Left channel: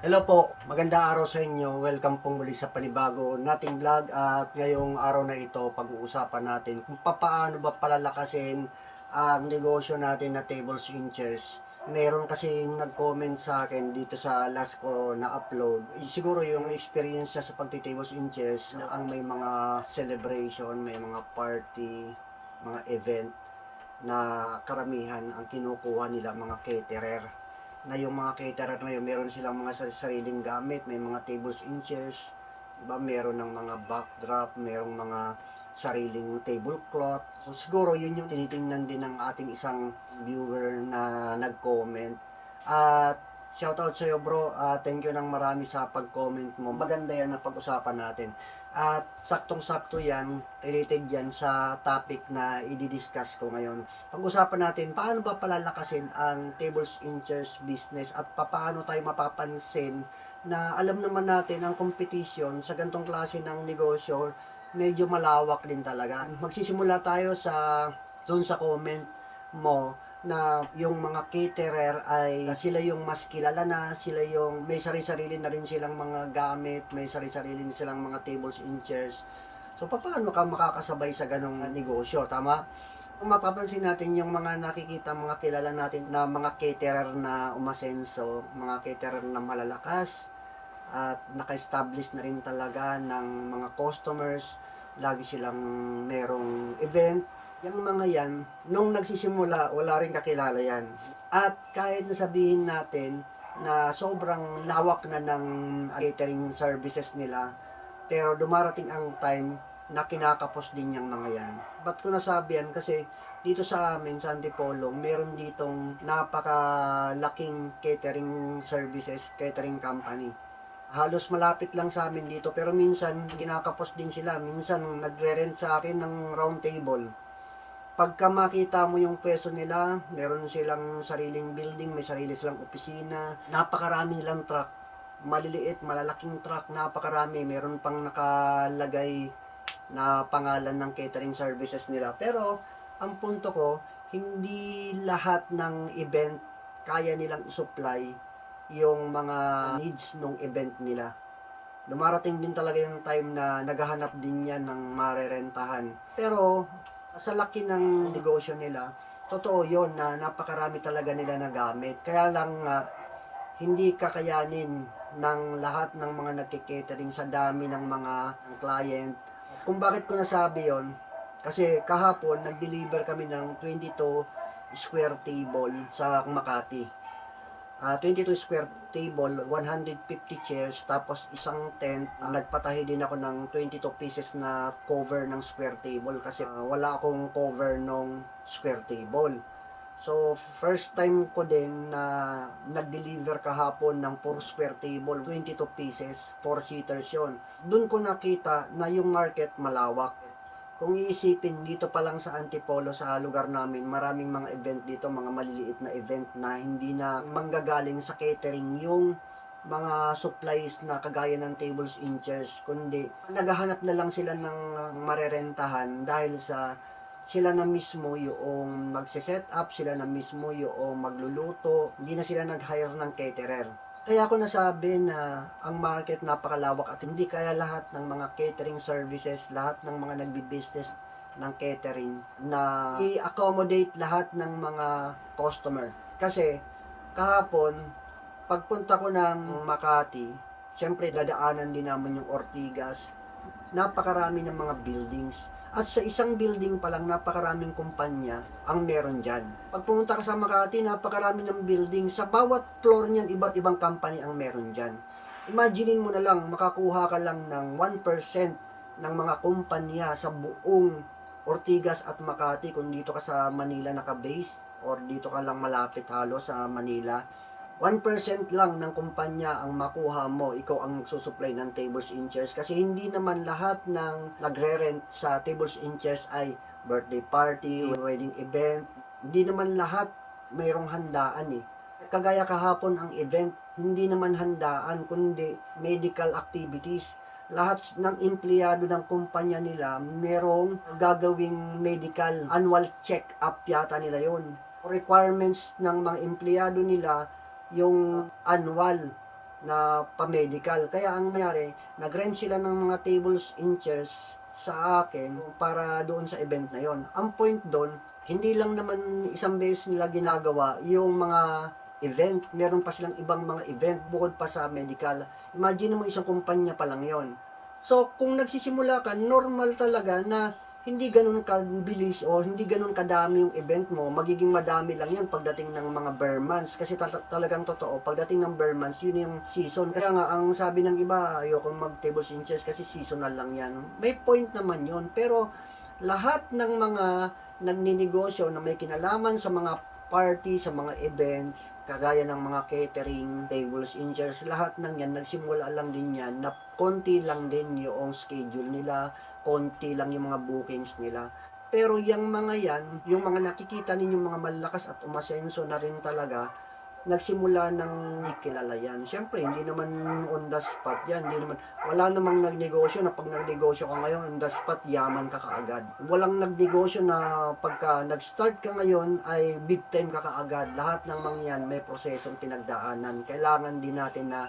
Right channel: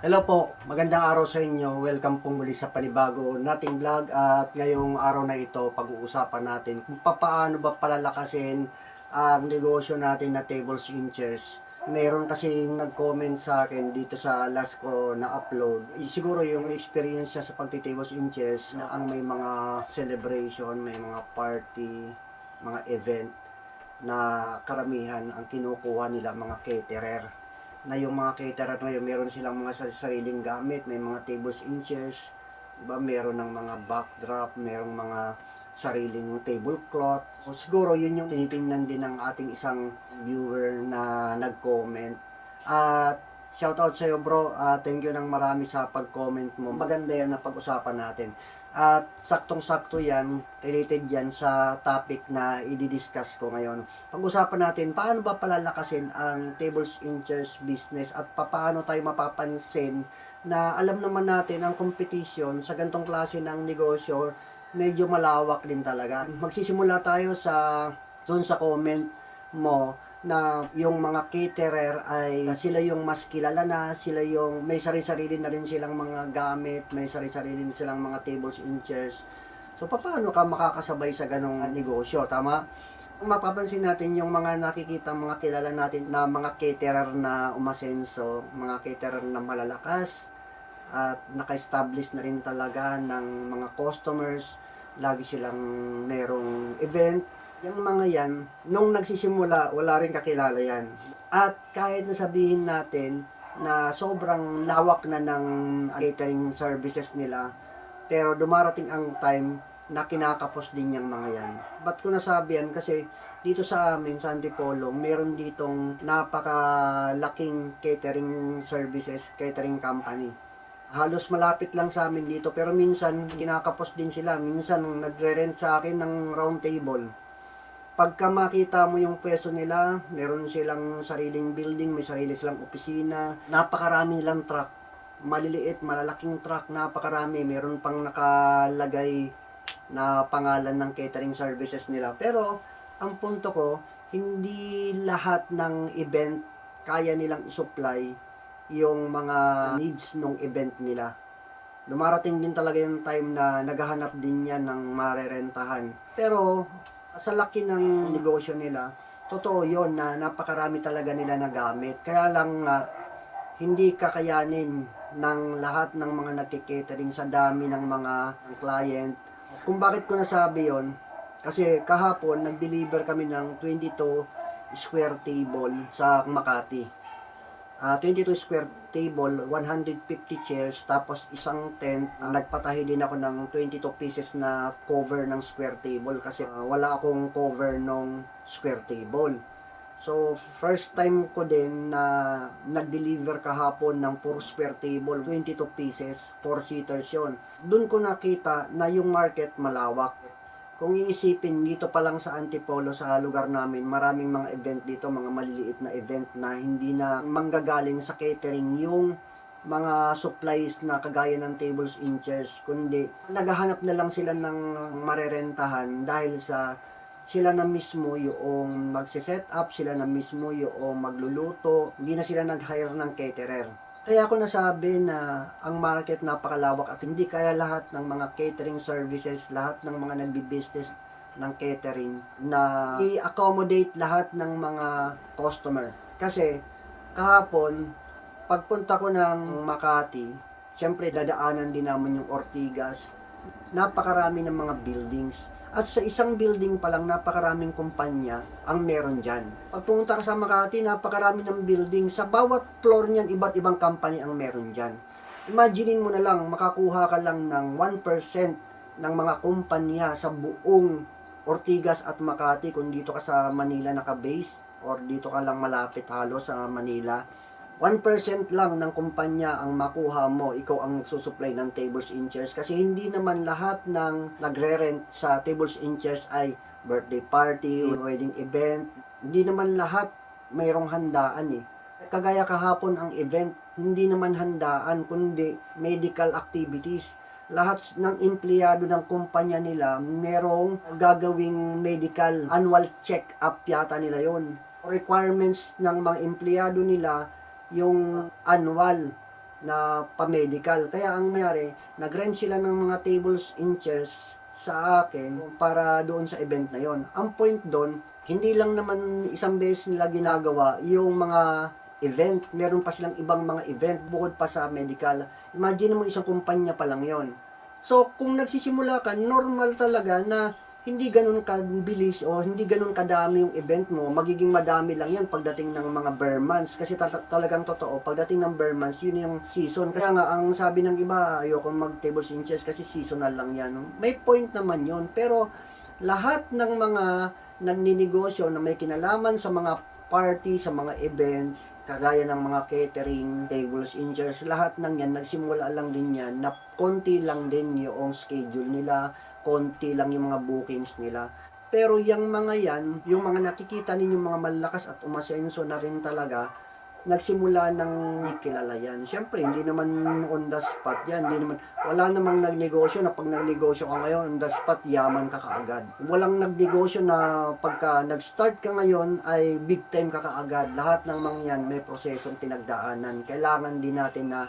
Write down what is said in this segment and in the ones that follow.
Hello po, magandang araw sa inyo. Welcome pong muli sa panibago nating vlog at ngayong araw na ito pag-uusapan natin kung paano ba palalakasin ang negosyo natin na tables and chairs. Meron kasi nag-comment sa akin dito sa last ko na upload. Siguro yung experience siya sa pagti-tables and chairs na ang may mga celebration, may mga party, mga event na karamihan ang kinukuha nila mga caterer na yung mga caterer na yun, meron silang mga sariling gamit, may mga tables and chairs, diba? Meron ng mga backdrop, merong mga sariling tablecloth. So, siguro yun yung tinitingnan din ng ating isang viewer na nag-comment. At shoutout sa iyo bro, thank you ng marami sa pag-comment mo. Maganda yan na pag-usapan natin. At saktong-sakto yan, related yan sa topic na i-discuss ko ngayon. Pag-usapan natin, paano ba palalakasin ang tables and chairs business at paano tayo mapapansin na alam naman natin ang competition sa gantong klase ng negosyo, medyo malawak din talaga. Magsisimula tayo doon sa comment mo na yung mga caterer ay sila yung mas kilala na, sila yung may sarili-sarili na rin silang mga gamit, may sarili-sarili silang mga tables and chairs. So, paano ka makakasabay sa ganong negosyo? Tama? Kung mapapansin natin yung mga nakikita, mga kilala natin na mga caterer na umasenso, mga caterer na malalakas, at naka-establish na rin talaga ng mga customers, lagi silang merong event. Yung mga yan, nung nagsisimula, wala rin kakilala yan. At kahit nasabihin natin na sobrang lawak na ng catering services nila, pero dumarating ang time na kinakapos din yung mga yan. Ba't ko nasabi yan? Kasi dito sa amin, sa Antipolo, meron ditong napakalaking catering services, catering company. Halos malapit lang sa amin dito, pero minsan kinakapos din sila. Minsan nagre-rent sa akin ng round table. Pagka makita mo yung pwesto nila, meron silang sariling building, may sarili silang opisina, napakarami nilang truck, maliliit, malalaking truck, napakarami, meron pang nakalagay na pangalan ng catering services nila. Pero, ang punto ko, hindi lahat ng event kaya nilang isupply yung mga needs ng event nila. Dumarating din talaga yung time na naghahanap din yan ng marerentahan. Pero, sa laki ng negosyo nila, totoo yon na napakarami talaga nila na gamit. Kaya lang hindi kakayanin ng lahat ng mga nagke-catering sa dami ng mga client. Kung bakit ko nasabi yon, kasi kahapon nag-deliver kami ng 22 square table sa Makati. 22 square table, 150 chairs, tapos isang tent. Nagpatahi din ako ng 22 pieces na cover ng square table kasi wala akong cover ng square table. So, first time ko din na nag-deliver kahapon ng 4 square table, 22 pieces, 4 seaters yon. Doon ko nakita na yung market malawak. Kung iisipin, dito pa lang sa Antipolo, sa lugar namin, maraming mga event dito, mga maliliit na event na hindi na manggagaling sa catering yung mga supplies na kagaya ng tables and chairs, kundi naghahanap na lang sila ng marerentahan dahil sa sila na mismo yung magse-set up, sila na mismo yung magluluto, hindi na sila nag-hire ng caterer. Kaya ako nasabi na ang market napakalawak at hindi kaya lahat ng mga catering services, lahat ng mga nagbi-business ng catering na i-accommodate lahat ng mga customer. Kasi kahapon, pagpunta ko ng Makati, syempre dadaanan din naman yung Ortigas, napakarami ng mga buildings. At sa isang building pa lang, napakaraming kumpanya ang meron dyan. Pag pumunta ka sa Makati, napakarami ng building. Sa bawat floor niyan, iba't ibang company ang meron dyan. Imaginein mo na lang, makakuha ka lang ng 1% ng mga kumpanya sa buong Ortigas at Makati kung dito ka sa Manila naka-base or dito ka lang malapit halos sa Manila. 1% lang ng kumpanya ang makuha mo, ikaw ang magsusupply ng tables and chairs. Kasi hindi naman lahat ng nagre-rent sa tables and chairs ay birthday party, wedding event. Hindi naman lahat mayroong handaan eh. Kagaya kahapon ang event, hindi naman handaan, kundi medical activities. Lahat ng empleyado ng kumpanya nila, merong gagawing medical annual check-up yata nila yon. Requirements ng mga empleyado nila, yung annual na pa-medical. Kaya ang nangyari, nag-rent sila ng mga tables and chairs sa akin para doon sa event na yon. Ang point doon, hindi lang naman isang beses nila ginagawa yung mga event. Meron pa silang ibang mga event bukod pa sa medical. Imagine mo isang kumpanya pa lang yon. So, kung nagsisimula ka, normal talaga na hindi ganun kabilis o hindi ganun kadami yung event mo, magiging madami lang yan pagdating ng mga bare months. Kasi talagang totoo, pagdating ng bare months, yun yung season. Kaya nga, ang sabi ng iba, ayoko mag tables and chairs kasi seasonal lang yan. May point naman yun. Pero lahat ng mga nagninegosyo na may kinalaman sa mga party, sa mga events, kagaya ng mga catering, tables and chairs, lahat ng yan, nagsimula lang din yan na konti lang din yung schedule nila, konti lang yung mga bookings nila. Pero yung mga yan, yung mga nakikita ninyong mga malakas at umasenso na rin talaga, nagsimula ng kilala yan. Siyempre, hindi naman on the spot yan. Hindi naman, wala namang nagnegosyo na pag nagnegosyo ka ngayon, on the spot, yaman ka kaagad. Walang nagnegosyo na pagka nag-start ka ngayon, ay big time ka kaagad. Lahat ng mga yan, may prosesong pinagdaanan. Kailangan din natin na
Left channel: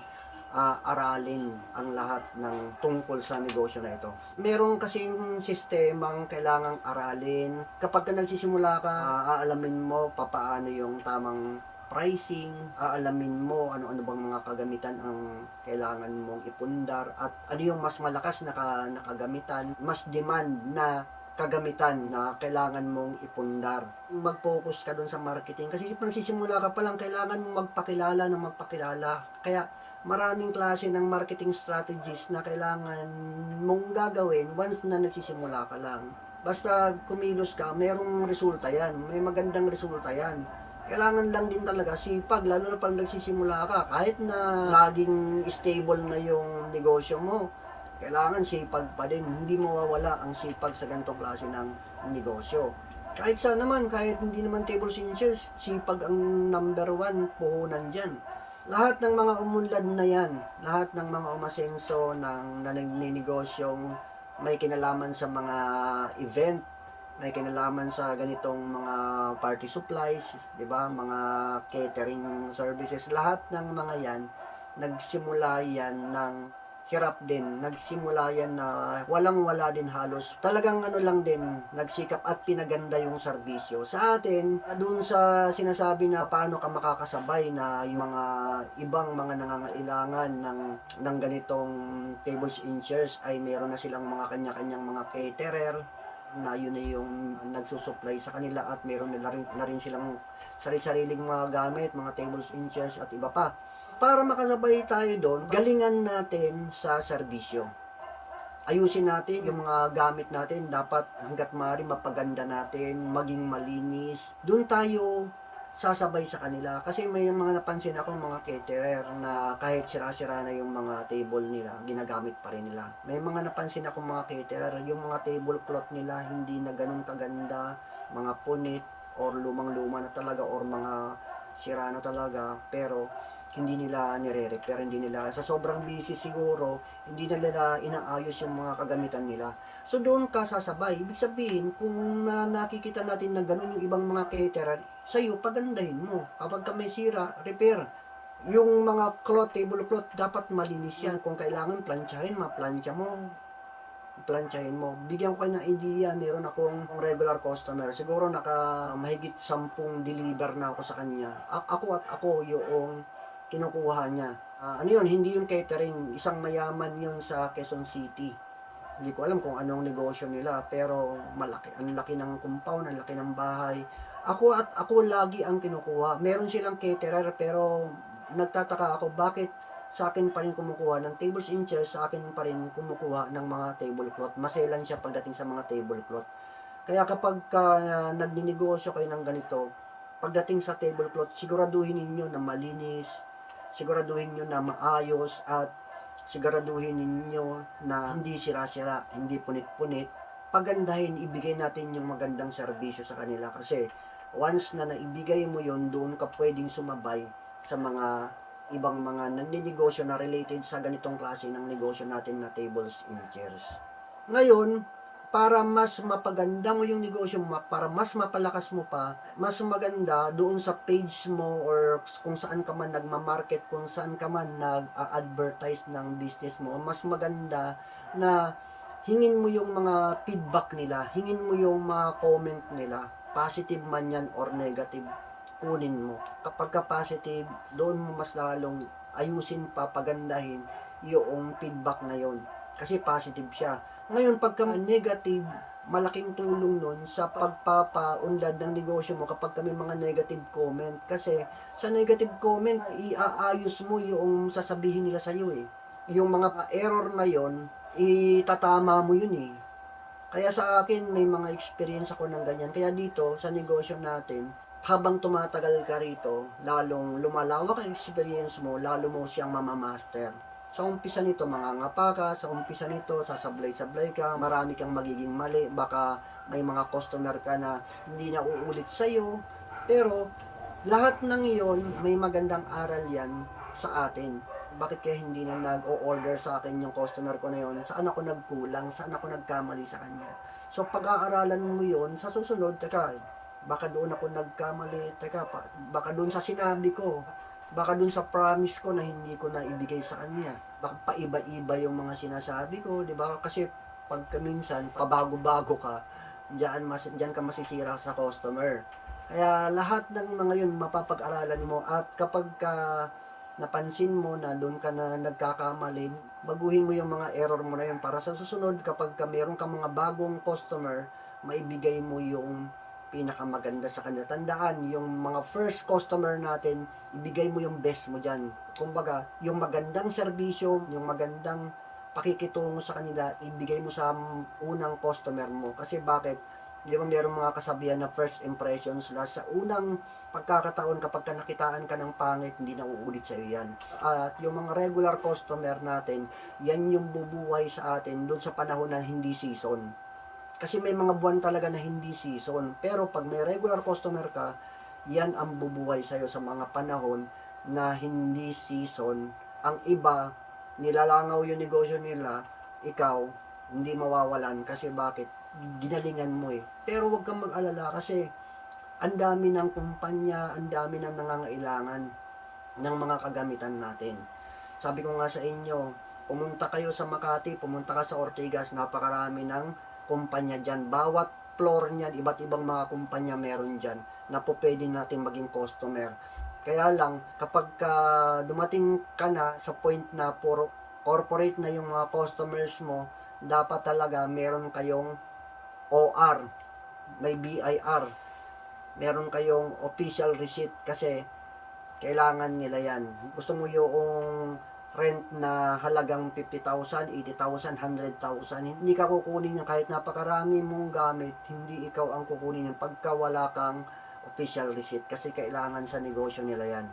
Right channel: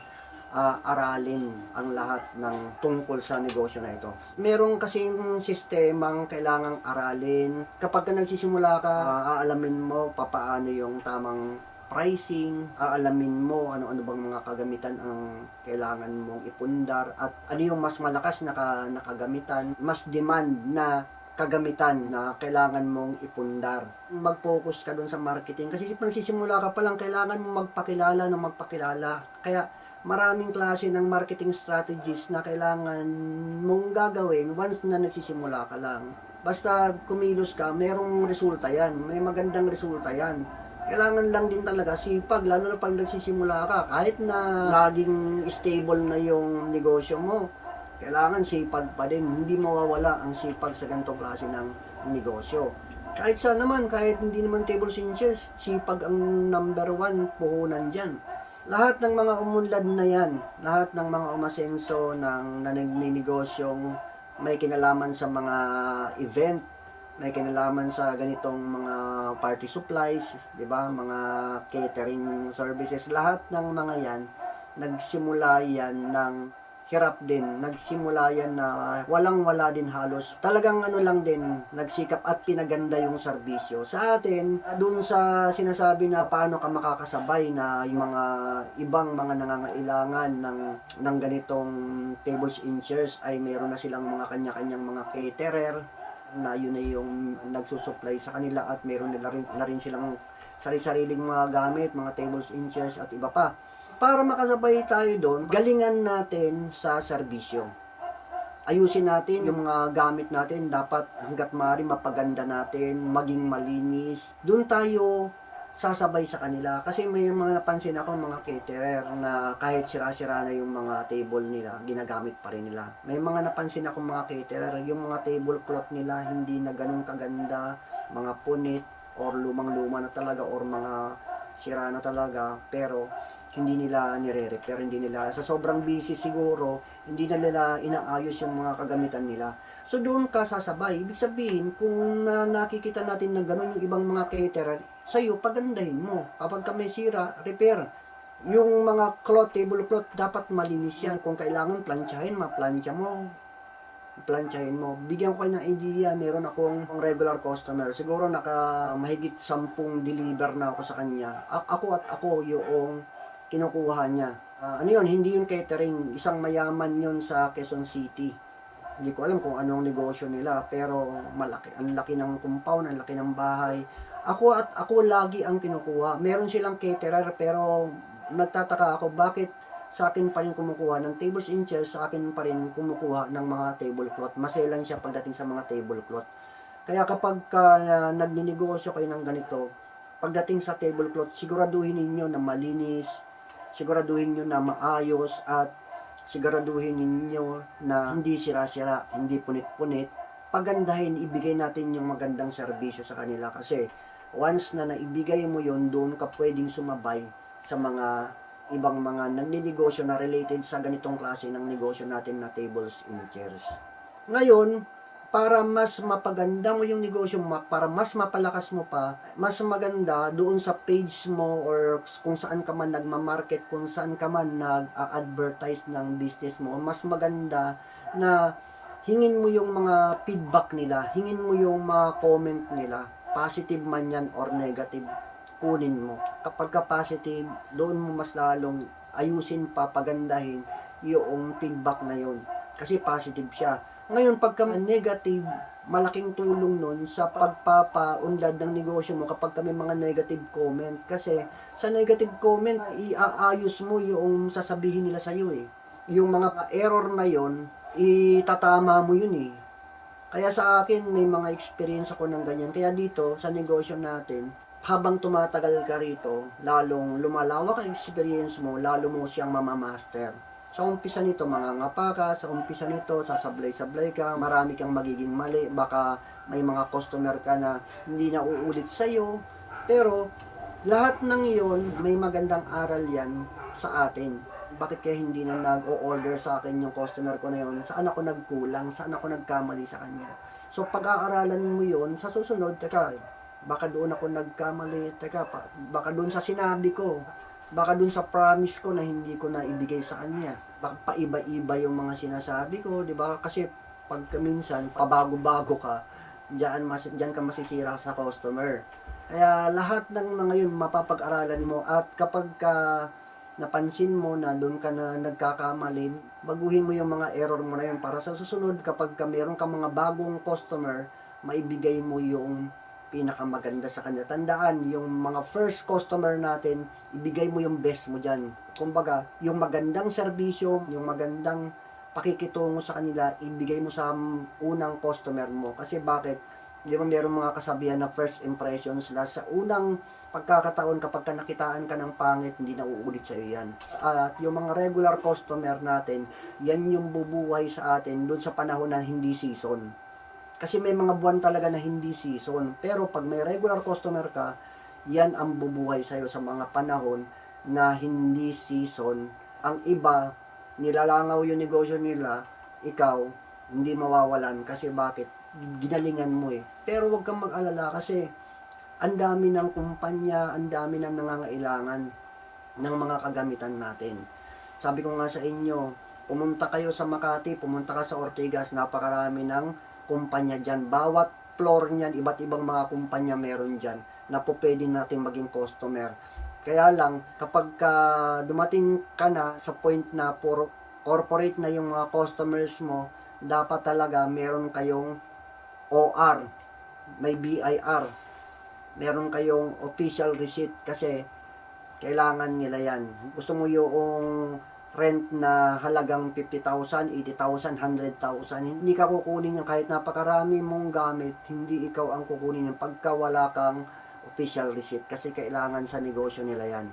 aralin ang lahat ng tungkol sa negosyo na ito. Meron kasing sistemang kailangang aralin. Kapag ka nagsisimula ka, aalamin mo papaano yung tamang pricing, aalamin mo ano-ano bang mga kagamitan ang kailangan mong ipundar at ano yung mas malakas na kagamitan, mas demand na kagamitan na kailangan mong ipundar. Mag-focus ka dun sa marketing kasi pag nagsisimula ka pa lang, kailangan mong magpakilala ng magpakilala. Kaya maraming klase ng marketing strategies na kailangan mong gagawin once na nagsisimula ka lang. Basta kumilos ka, merong resulta yan. May magandang resulta yan. Kailangan lang din talaga sipag, lalo na pag nagsisimula ka. Kahit na laging stable na yung negosyo mo, kailangan sipag pa din. Hindi mawawala ang sipag sa ganitong klase ng negosyo. Kahit saan naman, kahit hindi naman tables and chairs, sipag ang number one puhunan dyan. Lahat ng mga umunlad na yan, lahat ng mga umasenso ng naninigosyong may kinalaman sa mga event, may kinalaman sa ganitong mga party supplies, 'di ba? Mga catering services, lahat ng mga 'yan nagsimula yan ng hirap din. Nagsimula yan na walang-wala din halos. Talagang ano lang din, nagsikap at pinaganda yung serbisyo. Sa atin, dun sa sinasabi na paano ka makakasabay na yung mga ibang mga nangangailangan ng ganitong tables and chairs ay meron na silang mga kanya-kanyang mga caterer na yun ay yung nagsusupply sa kanila at meron na rin silang sari-sariling mga gamit, mga tables and chairs at iba pa. Para makasabay tayo doon, galingan natin sa serbisyo. Ayusin natin yung mga gamit natin, dapat hanggat maaari mapaganda natin, maging malinis. Doon tayo sasabay sa kanila kasi may mga napansin ako mga caterer na kahit sira-sira na yung mga table nila, ginagamit pa rin nila. May mga napansin ako mga caterer, yung mga tablecloth nila hindi na ganun kaganda, mga punit or lumang-luma na talaga or mga sira na talaga, pero hindi nila nire-repair, hindi nila, sa sobrang busy siguro, hindi na nila inaayos yung mga kagamitan nila. So doon ka sasabay. Ibig sabihin, kung nakikita natin na gano'n yung ibang mga caterer, sa'yo, pagandahin mo. Kapag ka may sira, repair. Yung mga cloth, tablecloth, dapat malinis yan. Kung kailangan planchahin, maplansya mo. Planchahin mo. Bigyan ko kayo ng idea, meron akong regular customer. Siguro mahigit 10 deliver na ako sa kanya. Ako yung kinukuha niya. Ano yun, hindi yung catering, isang mayaman yun sa Quezon City. Hindi ko alam kung anong negosyo nila, pero malaki, ang laki ng compound, ang laki ng bahay. Ako lagi ang kinukuha. Meron silang caterer, pero nagtataka ako bakit sa akin pa rin kumukuha ng tables and chairs, sa akin pa rin kumukuha ng mga tablecloth. Maselan siya pagdating sa mga tablecloth. Kaya kapag nagninegosyo kayo ng ganito, pagdating sa tablecloth, siguraduhin ninyo na malinis, siguraduhin nyo na maayos at siguraduhin ninyo na hindi sira-sira, hindi punit-punit. Pagandahin, ibigay natin yung magandang serbisyo sa kanila kasi once na naibigay mo yon, doon ka pwedeng sumabay sa mga ibang mga nagninegosyo na related sa ganitong klase ng negosyo natin na tables and chairs. Ngayon, para mas mapaganda mo yung negosyo mo, para mas mapalakas mo pa, mas maganda doon sa page mo or kung saan ka man nagma-market, kung saan ka man nag-advertise ng business mo, mas maganda na hingin mo yung mga feedback nila, hingin mo yung mga comment nila, positive man yan or negative, kunin mo. Kapag ka positive, doon mo mas lalong ayusin pa, pagandahin yung feedback na yun. Kasi positive siya. Ngayon, pagka negative, malaking tulong nun sa pagpapaunlad ng negosyo mo kapag kami mga negative comment. Kasi sa negative comment, iaayos mo yung sasabihin nila sa'yo eh. Yung mga error na yon, itatama mo yun eh. Kaya sa akin, may mga experience ako ng ganyan. Kaya dito, sa negosyo natin, habang tumatagal ka rito, lalong lumalawak ang experience mo, lalo mo siyang mamamaster. Sa umpisa nito, mangangapa ka. Sa umpisa nito, sasablay-sablay ka. Marami kang magiging mali. Baka may mga customer ka na hindi na uulit sa'yo. Pero, lahat ng iyon, may magandang aral yan sa atin. Bakit kaya hindi na nag-o-order sa akin yung customer ko na yon? Saan ako nagkulang? Saan ako nagkamali sa kanya? So, pag-aaralan mo yon sa susunod, teka, baka doon ako nagkamali. Teka, baka doon sa sinabi ko. Baka dun sa promise ko na hindi ko na ibigay sa kanya. Baka paiba-iba yung mga sinasabi ko, di ba? Kasi pag minsan, pabago-bago ka, diyan ka masisira sa customer. Kaya lahat ng mga yun mapapag-aralan mo at kapag ka napansin mo na doon ka na nagkakamali, baguhin mo yung mga error mo na yun para sa susunod kapag ka meron ka mga bagong customer, maibigay mo yung pinakamaganda sa kanila. Tandaan, yung mga first customer natin, ibigay mo yung best mo dyan. Kumbaga, yung magandang serbisyo, yung magandang pakikitungo sa kanila, ibigay mo sa unang customer mo. Kasi bakit? Di ba meron mga kasabihan na first impressions la sa unang pagkakataon kapag ka nakitaan ka ng pangit, hindi na uulit sa iyo yan. At yung mga regular customer natin, yan yung bubuhay sa atin doon sa panahon na hindi season. Kasi may mga buwan talaga na hindi season. Pero pag may regular customer ka, yan ang bubuhay sa'yo sa mga panahon na hindi season. Ang iba, nilalangaw yung negosyo nila, ikaw, hindi mawawalan. Kasi bakit? Ginalingan mo eh. Pero wag kang mag-alala kasi ang dami ng kumpanya, ang dami ng nangangailangan ng mga kagamitan natin. Sabi ko nga sa inyo, pumunta kayo sa Makati, pumunta ka sa Ortigas, napakarami ng kumpanya dyan. Bawat floor niyan, iba't ibang mga kumpanya meron dyan na po pwede natin maging customer. Kaya lang, kapag dumating ka na sa point na puro corporate na yung mga customers mo, dapat talaga meron kayong OR, may BIR, meron kayong official receipt kasi kailangan nila yan. Gusto mo yung rent na halagang 50,000, 80,000, 100,000. Hindi ka kukunin yung kahit napakarami mong gamit, hindi ikaw ang kukunin yung pagka wala kang official receipt kasi kailangan sa negosyo nila yan.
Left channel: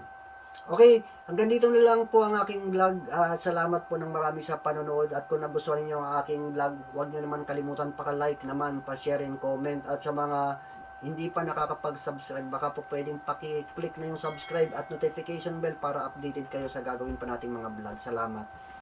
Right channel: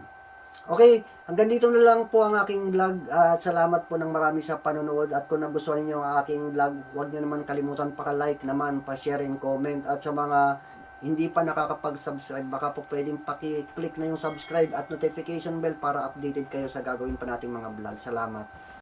Okay, hanggang dito na lang po ang aking vlog. Salamat po ng marami sa panonood at kung nagustuhan niyo ang aking vlog, huwag niyo naman kalimutan pa-like naman, pa-share and comment at sa mga hindi pa nakakapag-subscribe, baka po pwedeng paki-click na yung subscribe at notification bell para updated kayo sa gagawin pa nating mga vlog. Salamat.